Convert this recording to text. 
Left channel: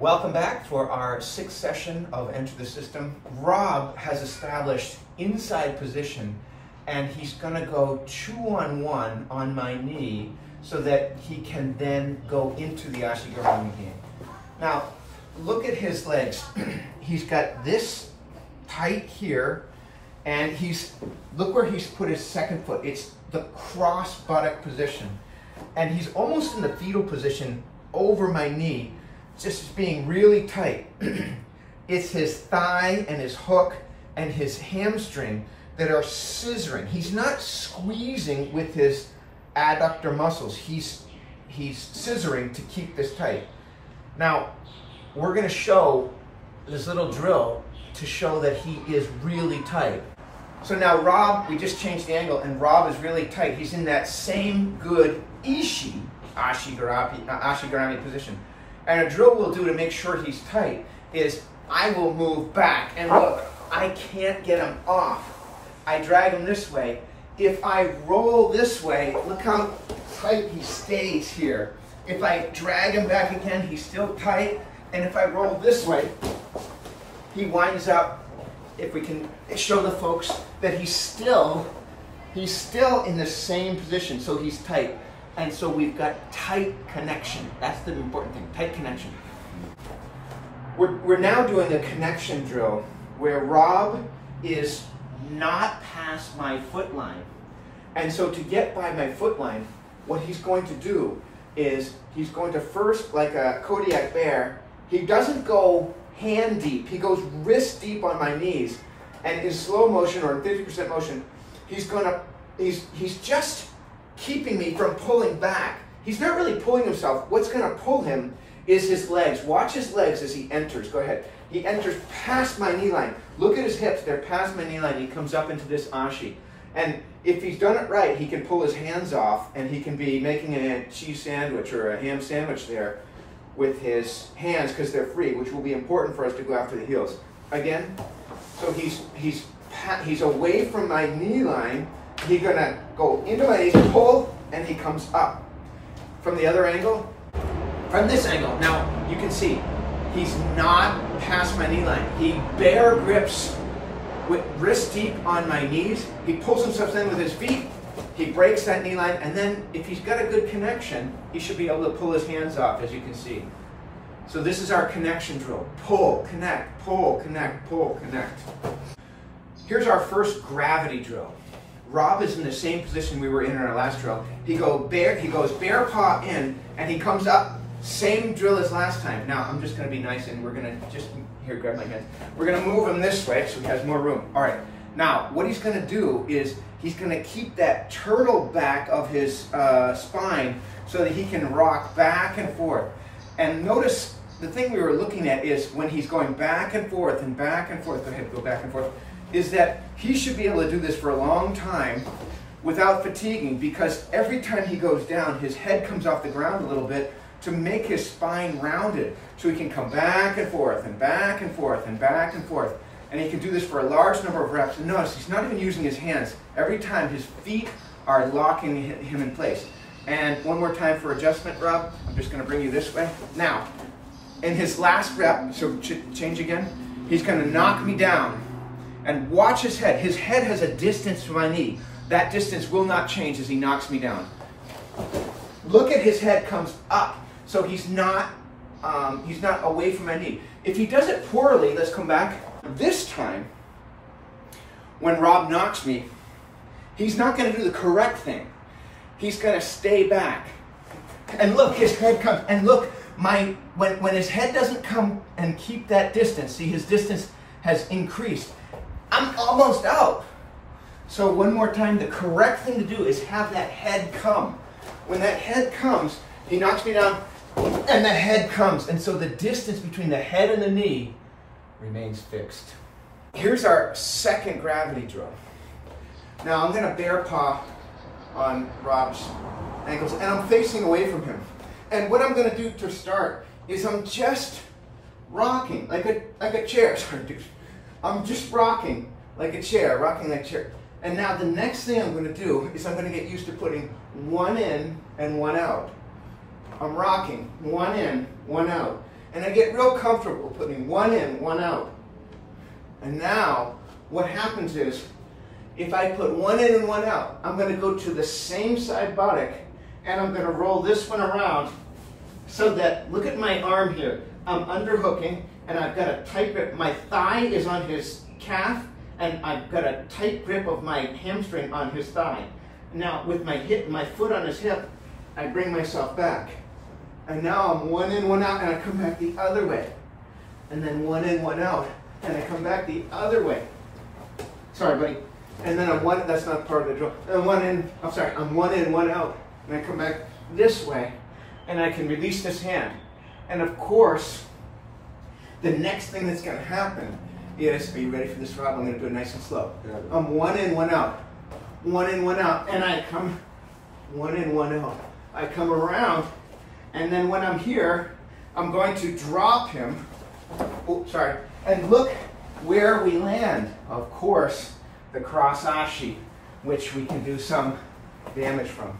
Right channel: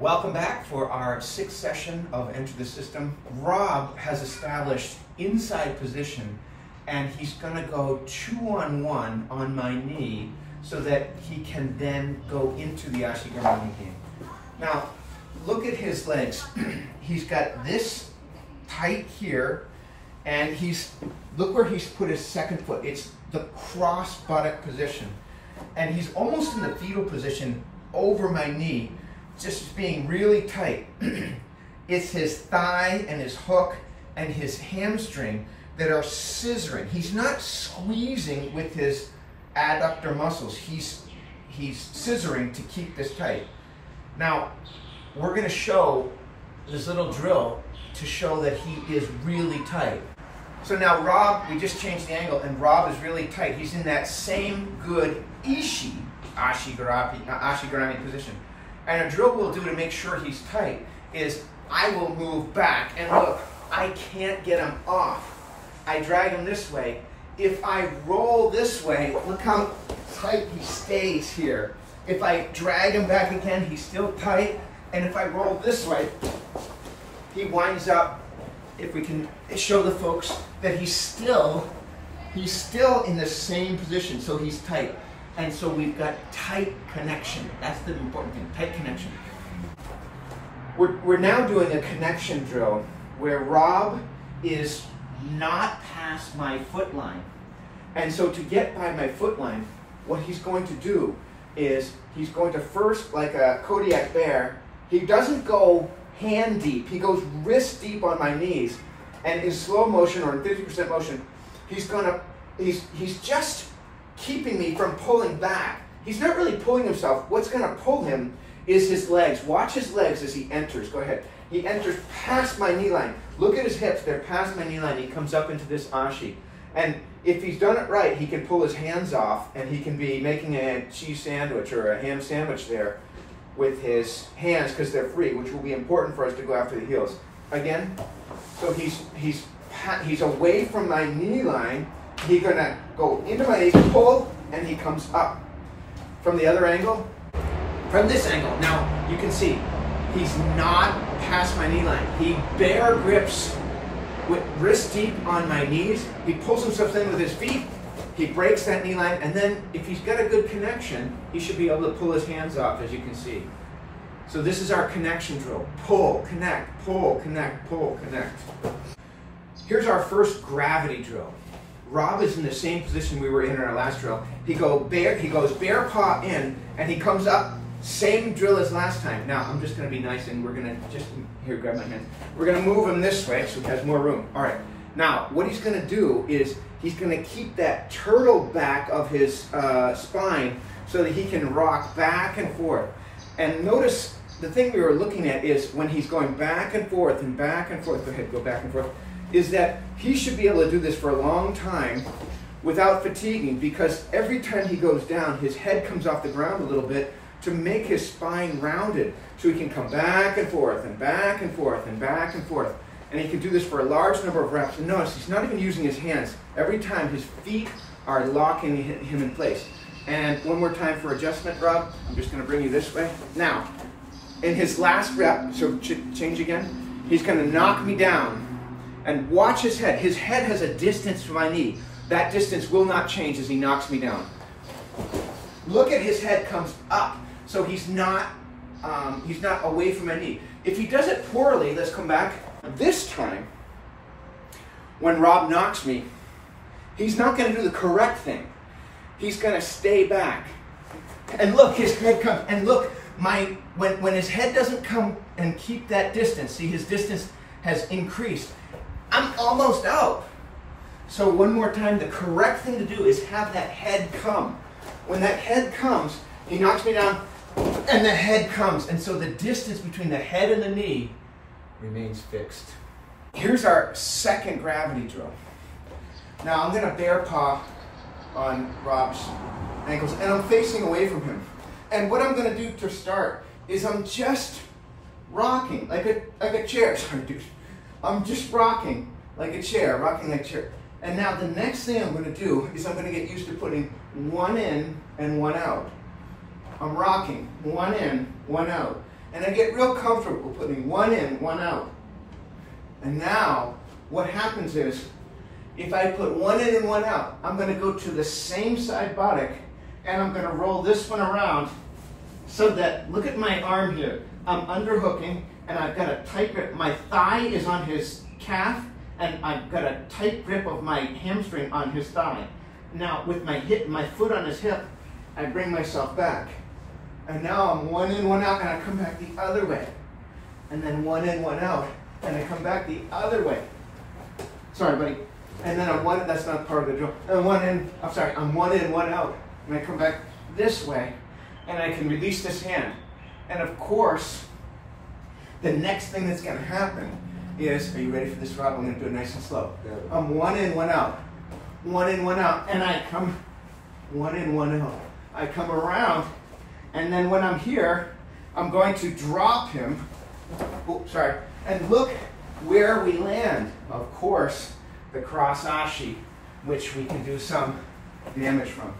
Welcome back for our sixth session of Enter the System. Rob has established inside position and he's going to go 2-on-1 on my knee so that he can then go into the Ashigarami game. Now, look at his legs. He's got this tight here and look where he's put his second foot. It's the cross buttock position. And he's almost in the fetal position over my knee, just being really tight. It's his thigh and his hook and his hamstring that are scissoring. He's not squeezing with his adductor muscles. He's scissoring to keep this tight. Now, we're going to show this little drill to show that he is really tight. So now Rob, we just changed the angle and Rob is really tight. He's in that same good Ashigarami position. And a drill we'll do to make sure he's tight is I will move back and look, I can't get him off. I drag him this way. If I roll this way, look how tight he stays here. If I drag him back again, he's still tight. And if I roll this way, he winds up, if we can show the folks that he's still in the same position, so he's tight. And so we've got tight connection. That's the important thing, tight connection. We're now doing a connection drill where Rob is not past my foot line. And so to get by my foot line, what he's going to do is he's going to first, like a Kodiak bear, he doesn't go hand deep, he goes wrist deep on my knees. And in slow motion or in 50% motion, he's just keeping me from pulling back. He's not really pulling himself. What's going to pull him is his legs. Watch his legs as he enters. Go ahead. He enters past my knee line. Look at his hips. They're past my knee line. He comes up into this ashi. And if he's done it right, he can pull his hands off and he can be making a cheese sandwich or a ham sandwich there with his hands because they're free, which will be important for us to go after the heels. Again, so he's away from my knee line. He's gonna go into my knees, pull, and he comes up. From the other angle, from this angle, now you can see he's not past my knee line. He bear grips with wrist deep on my knees. He pulls himself in with his feet. He breaks that knee line, and then if he's got a good connection, he should be able to pull his hands off, as you can see. So this is our connection drill. Pull, connect, pull, connect, pull, connect. Here's our first gravity drill. Rob is in the same position we were in our last drill. He goes bear paw in, and he comes up, same drill as last time. Now, I'm just going to be nice, and we're going to just, here, grab my hand. We're going to move him this way so he has more room. All right. Now, what he's going to do is he's going to keep that turtle back of his spine so that he can rock back and forth. And notice the thing we were looking at is when he's going back and forth and back and forth, go ahead, go back and forth, is that he should be able to do this for a long time without fatiguing, because every time he goes down, his head comes off the ground a little bit to make his spine rounded, so he can come back and forth and back and forth and back and forth. And he can do this for a large number of reps. And notice, he's not even using his hands. Every time his feet are locking him in place. And one more time for adjustment, Rob. I'm just gonna bring you this way. Now, in his last rep, so change again, he's gonna knock me down. And watch his head. His head has a distance to my knee. That distance will not change as he knocks me down. Look at his head comes up. So he's not away from my knee. If he does it poorly, let's come back. This time, when Rob knocks me, he's not going to do the correct thing. He's going to stay back. And look, his head comes. And look, when his head doesn't come and keep that distance, see, his distance has increased. I'm almost out. So one more time, the correct thing to do is have that head come. When that head comes, he knocks me down, and the head comes. And so the distance between the head and the knee remains fixed. Here's our second gravity drill. Now I'm gonna bear paw on Rob's ankles, and I'm facing away from him. And what I'm gonna do to start is I'm just rocking like a chair. Sorry, dude. I'm just rocking like a chair, rocking like a chair. And now the next thing I'm going to do is I'm going to get used to putting one in and one out. I'm rocking, one in, one out. And I get real comfortable putting one in, one out. And now, what happens is, if I put one in and one out, I'm going to go to the same side buttock, and I'm going to roll this one around so that, look at my arm here. I'm underhooking, and I've got a tight grip. My thigh is on his calf, and I've got a tight grip of my hamstring on his thigh. Now, with my foot on his hip, I bring myself back. And now I'm one in, one out, and I come back the other way. And then one in, one out, and I come back the other way. Sorry, buddy. And then I'm one, that's not part of the drill. I'm one in, one out. And I come back this way, and I can release this hand. And of course, the next thing that's gonna happen is, are you ready for this, Rob? I'm gonna do it nice and slow. Yeah. I'm one in, one out. One in, one out. And I come one in, one out. I come around, and then when I'm here, I'm going to drop him. Oh, sorry. And look where we land. Of course, the cross ashi, which we can do some damage from.